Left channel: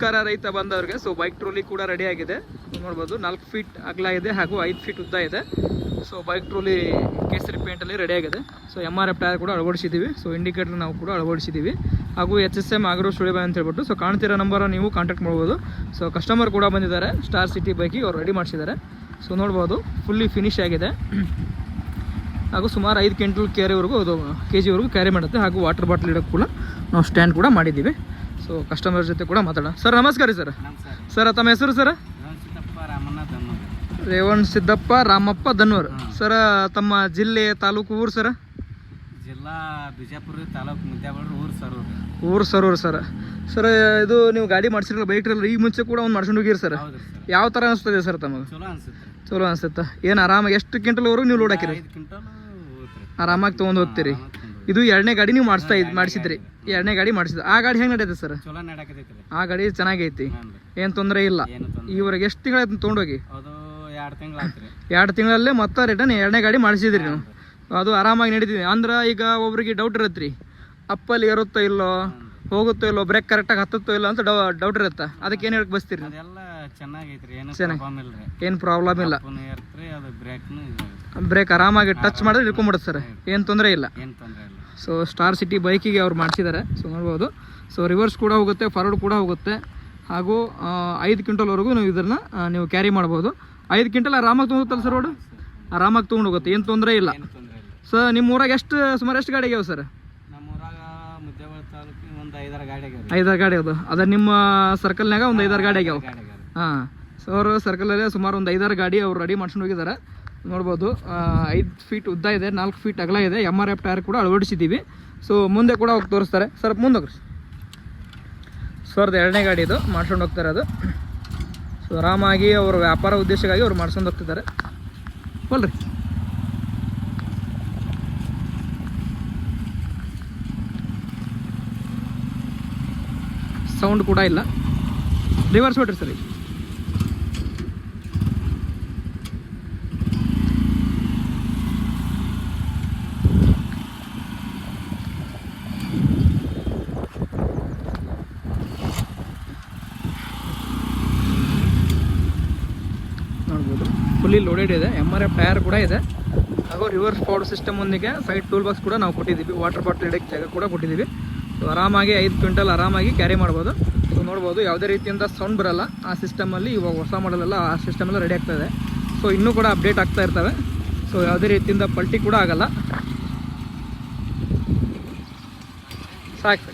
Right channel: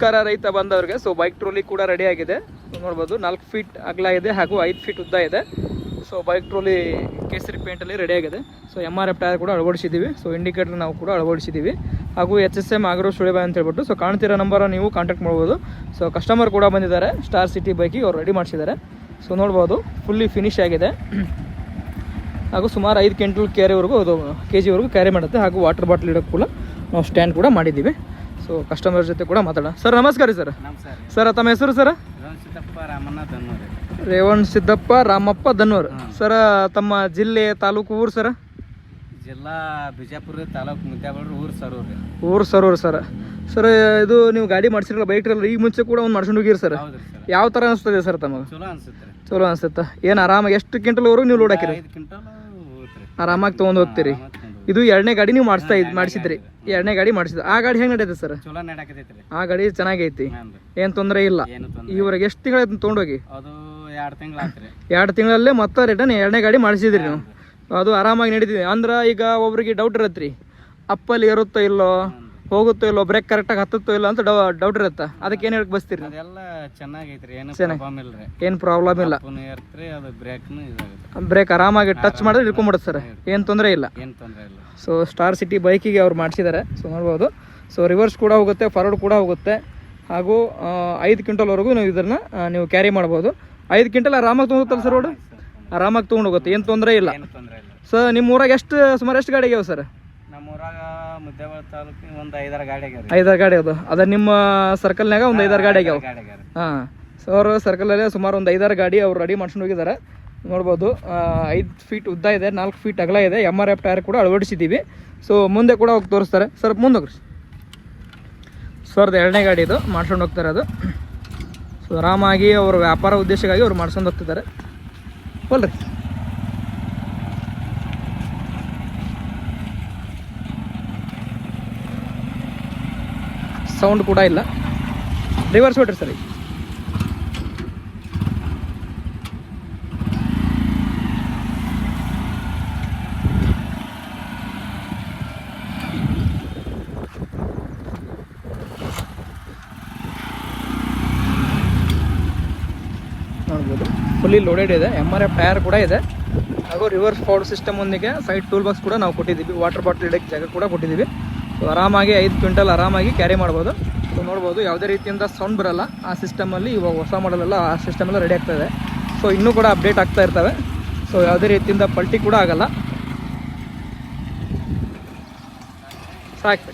ನಮಸ್ಕಾರ ರೈತ ಬಂದವ್ರಿಗೆ. ಸೊ ಬೈಕ್ ಟ್ರೋಲಿ ಕೂಡ ರೆಡಿ ಆಗಿದೆ ನೋಡ್ಬೋದು. 4 ಫೀಟ್ ಅಗಲ ಇದೆ ಹಾಗೂ 5 ಫೀಟ್ ಉದ್ದ ಇದೆ. ಸೊ ಬೈಕ್ ಟ್ರೋಲಿ ಕೇಸರಿ ಪೇಂಟಲ್ಲಿ ರೆಡಿ ಆಗಿದೆ. ಸೊ MRF ಟೈರ್ ಕೂಡ ಅಳವಡಿಸಿದ್ದೀವಿ. ಸೊ ಇಂಡಿಕೇಟರ್ ನಾವು ಕೂಡ ಅಳವಡಿಸಿದ್ದೀವಿ ಹಾಗೂ HSM ಆಗ್ರೋ ಸುಳಿಬಾಯ್ ಅಂತ ಹೇಳ್ಬಿಟ್ಟು. ಸೊ ಕಾಣ್ತಿರೋ ನಂಬರ್ ನೀವು ಕಾಂಟ್ಯಾಕ್ಟ್ ಮಾಡ್ಬೋದು. ಸೊ ಕಸ್ಟಮರ್ ಕೂಡ ಬಂದಿದ್ದಾರೆ, ಸ್ಟಾರ್ ಸಿಟಿ ಬೈಕಿಗೆ ಅವ್ರು ರೆಡಿ ಮಾಡಿಸಿದ್ದಾರೆ. ಸೊ ನೋಡ್ಬೋದು ಫುಲ್ಲಿ ಫಿನಿಶ್ ಆಗಿದೆ ಹಾಗೂ ಸುಮಾರು 5 ಕ್ವಿಂಟಲ್ ಕ್ಯಾರಿವರೆಗೂ ಅದು KGವರೆಗೂ ಕ್ಯಾರಿ ಮಾಡುತ್ತೆ. ಹಾಗೂ ವಾಟರ್ ಬಾಟ್ಲ್ ಇಡೋಕ್ಕೆ ಕೂಡ ನಾವು ಸ್ಟ್ಯಾಂಡ್ ಕೂಡ ಮಾಡಿದ್ದೀವಿ. ಸೊ ಕಸ್ಟಮರ್ ಜೊತೆ ಕೂಡ ಮಾತಾಡೋಣ. ಸರ್ ನಮಸ್ಕಾರ ರೀ. ಸರ್ ತಮ್ಮ ಹೆಸರು ಸರ್? ರೇವಣ್ ಸಿದ್ದಪ್ಪ ರಾಮಪ್ಪ ದನ್ನೂರ್. ಸರ್ ತಮ್ಮ ಜಿಲ್ಲೆ ತಾಲೂಕು ಊರು ಸರ್? ಜಿಲ್ಲಾ ಬಿಜಾಪುರ ತಾಲೂಕು ಮುದ್ಯಾಬಳ್ಳಿ ಊರು ಸರೂರು ಸರ್. ಸರ್ ಇದು ನೀವು ಗಾಡಿ ಮಾಡ್ಸಿರಲ್ಲ ಬೈಕ್ ಟ್ರೈಲರ್, ಈ ಮುಂಚೆ ಕೂಡ ಒಂದು ಮಾಡ್ಕೊಂಡು ಹೋಗಿರಿ ಸರ್. ಯಾವ ಥರ ಅನಿಸ್ತದೆ ಸರ್ ತಮಗೆ? ಚಲೋ ಅನಿಸುತ್ತೆ. ಏನು ಆರಾಮಾಗಿ ಎಷ್ಟು ಕ್ವಿಂಟಲ್ವರೆಗೂ ನೀವು ಲೋಡ್ ಹಾಕಿರಿ? ಆರಾಮಾಗಿ ತೊಗೊಂಡು ಹೋಗ್ತೀರಿ. ಇದು 2ನೇ ಗಾಡಿ ನೀವು ಮಾಡಿಸಿದ್ರಿ? 2ನೇ ಗಾಡಿ ಮಾಡಿಸಿದ್ರಿ. ಆ ಗಾಡಿ ಹೆಂಗೆ ನಡೆಯುತ್ತೆ ಸರ್? ಆ ಗಾಡಿ ಚೆನ್ನಾಗೈತಿ, ಏನು ತೊಂದರೆ ಇಲ್ಲ. ಇವ್ರಿಗೆ ಎಷ್ಟು ತಿಂಗಳಾಯ್ತು ತೊಗೊಂಡೋಗಿ? 2 ತಿಂಗಳಲ್ಲೇ ಮತ್ತೆ ರಿಟರ್ನ್ 2ನೇ ಗಾಡಿ ಮಾಡಿಸಿದ್ರಿ ನೀವು. ಅದು ಆರಾಮಾಗಿ ನಡೀತಿದೆ ಅಂದ್ರೆ. ಈಗ ಒಬ್ರಿಗೆ ಡೌಟ್ ಇರತ್ತೆ ರೀ, ಅಪ್ಪಲ್ಲಿ ಇರುತ್ತೋ ಇಲ್ಲೋ, ಹೋಗುತ್ತೋ ಇಲ್ಲೋ, ಬ್ರೇಕ್ ಕರೆಕ್ಟಾಗಿ ಹತ್ತುತ್ತೋ ಇಲ್ಲ ಅಂತ ಡೌಟ್ ಇರುತ್ತೆ. ಅದಕ್ಕೆ ಏನು ಹೇಳಕ್ ಬಸ್ತೀರಿ? ಏನು ಪ್ರಾಬ್ಲಮ್ ಇಲ್ಲ, ಬ್ರೇಕ್ ಆರಾಮಾಗಿ ಟಚ್ ಮಾಡಿದ್ರೆ ಇಟ್ಕೊಂಡ್ಬಿಡುತ್ತೆ ಸರ್, ಏನು ತೊಂದರೆ ಇಲ್ಲ. ಸೊ ಸ್ಟಾರ್ ಸಿಟಿ ಬೈಕಿಗೆ ಅವ್ರು ಮಾಡಿಸಿದ್ದಾರೆ. ಸೊ ನೋಡ್ಬೋದು. ಸೊ ರಿವರ್ಸ್ ಕೂಡ ಹೋಗುತ್ತೆ, ಫಾರ್ವರ್ಡ್ ಕೂಡ ಹೋಗುತ್ತೆ ಹಾಗೂ 5 ಕ್ವಿಂಟಲ್ವರೆಗೂ ನೀವು ಇದನ್ನು ನೀವು ಕ್ಯಾರಿ ಮಾಡ್ಬೋದು. 5 ಕ್ವಿಂಟಲ್ ಆರಾಮಾಗಿ ತೊಗೊಂಡುತ್ತಲ್ಲ ಸರ್? ರೋಡು ಆರಾಮಾಗಿ ತೊಗೊಂಡು ಹೋಗುತ್ತೆ, ಏನು ತೊಂದರೆ ಇಲ್ಲ. ಸರ್ ನಿಮ್ಮ ಊರಾಗ ಸುಮಾರು ಎಷ್ಟು ಗಾಡಿ ಆಗ್ಯಾವ ಸರ್? ನಮ್ಮೂರಾಗ ಮುದ್ದೇಬಿಹಾಳ ತಾಲೂಕಿಗೆ ಒಂದು 5-6 ಗಾಡಿ ಆಗ್ಯಾವ. 5-6 ಗಾಡಿ ಅದು ಅದ ನಿಮ್ಮ ಸರ್ಕಲ್ನಾಗ ಒಂದು 5-6 ಗಾಡಿ ಆಗ್ಯಾವ. ಹಾಂ, ಸೊ ಅವರು ಸರ್ಕಲಲ್ಲೇ ಸುಮಾರು ಒಂದು 5-6 ಗಾಡಿ ಅವ್ರು ರೆಡಿ ಮಾಡ್ಕೊಂಡು ಹೋಗಿದ್ದಾರೆ. ನೋಡ್ಬೋದು 5 ಫೀಟ್ ಉದ್ದ ಇದೆ, 4 ಫೀಟ್ ಅಗಲ ಇದೆ. MRF ಟೈರ್ ಕೂಡ ಅಳವಡಿಸಿದ್ದೀವಿ. ಸೊ ಮುಂದೆ ಕೂಡ ಹೋಗಿ ತೋರಿಸ್ತಾರೆ. ಸರ್ ಮುಂದೆ ಹೋಗ್ರಿ ಸರ್. 2ನೇ ಗಾಡಿ ಇದು ಮಾಡ್ಕೊಂಡು ಹೋಗ್ತಾರೆ ಅದು. ಸೊ ಆರಾಮಾಗಿ ಅವ್ರ ವ್ಯಾಪಾರ ಉದ್ದೇಶಕ್ಕಾಗಿ ಅವ್ರು ಮಾಡ್ಕೊಂಡು ಹೋಗ್ತಿದ್ದಾರೆ. ಹೋಲ್ರಿ ಸೌಂಡ್ ಕೂಡ ಇಲ್ಲ. ರಿವರ್ಸ್ ಹೊಡ್ರಿ ಸರ್. ನೋಡ್ಬೋದು ಫುಲ್ಲಿ ಲೋಡೆಡ್ ಇದೆ. MRF ಟೈರ್ ಕೂಡ ಇದೆ ಹಾಗೂ ರಿವರ್ಸ್ ಪವರ್ ಸಿಸ್ಟಮ್ ಒಂದಿಗೆ ಸೈಡ್ ಟೂಲ್ ಬಾಕ್ಸ್ ಕೂಡ ನಾವು ಕೊಟ್ಟಿದ್ದೀವಿ. ವಾಟರ್ ಬಾಟ್ಲ್ ಇಡೋಕ್ಕೆ ಜಾಗ ಕೂಡ ಕೊಟ್ಟಿದ್ದೀವಿ. ಸೊ ಆರಾಮಾಗಿ 5 ಕ್ವಿಂಟಲ್ ಆರಾಮಾಗಿ ಕ್ಯಾರಿ ಮಾಡ್ಬೋದು. ಸೊ ನೋಡ್ಬೋದು ಯಾವುದೇ ರೀತಿಯಿಂದ ಸೌಂಡ್ ಬರಲ್ಲ ಆ ಸಿಸ್ಟಮಲ್ಲಿ. ಇವಾಗ ಹೊಸ ಮಾಡಲೆಲ್ಲ ಆ ಸಿಸ್ಟಮೆಲ್ಲ ರೆಡಿ ಆಗ್ತಾಯಿದೆ. ಸೊ ಇನ್ನೂ ಕೂಡ ಅಪ್ಡೇಟ್ ಆಗ್ತಾ ಇರ್ತವೆ. ಸೊ ಯಾವುದೇ ರೀತಿಯಿಂದ ಪಲ್ಟಿ ಕೂಡ ಆಗಲ್ಲ. ಸಾಕು.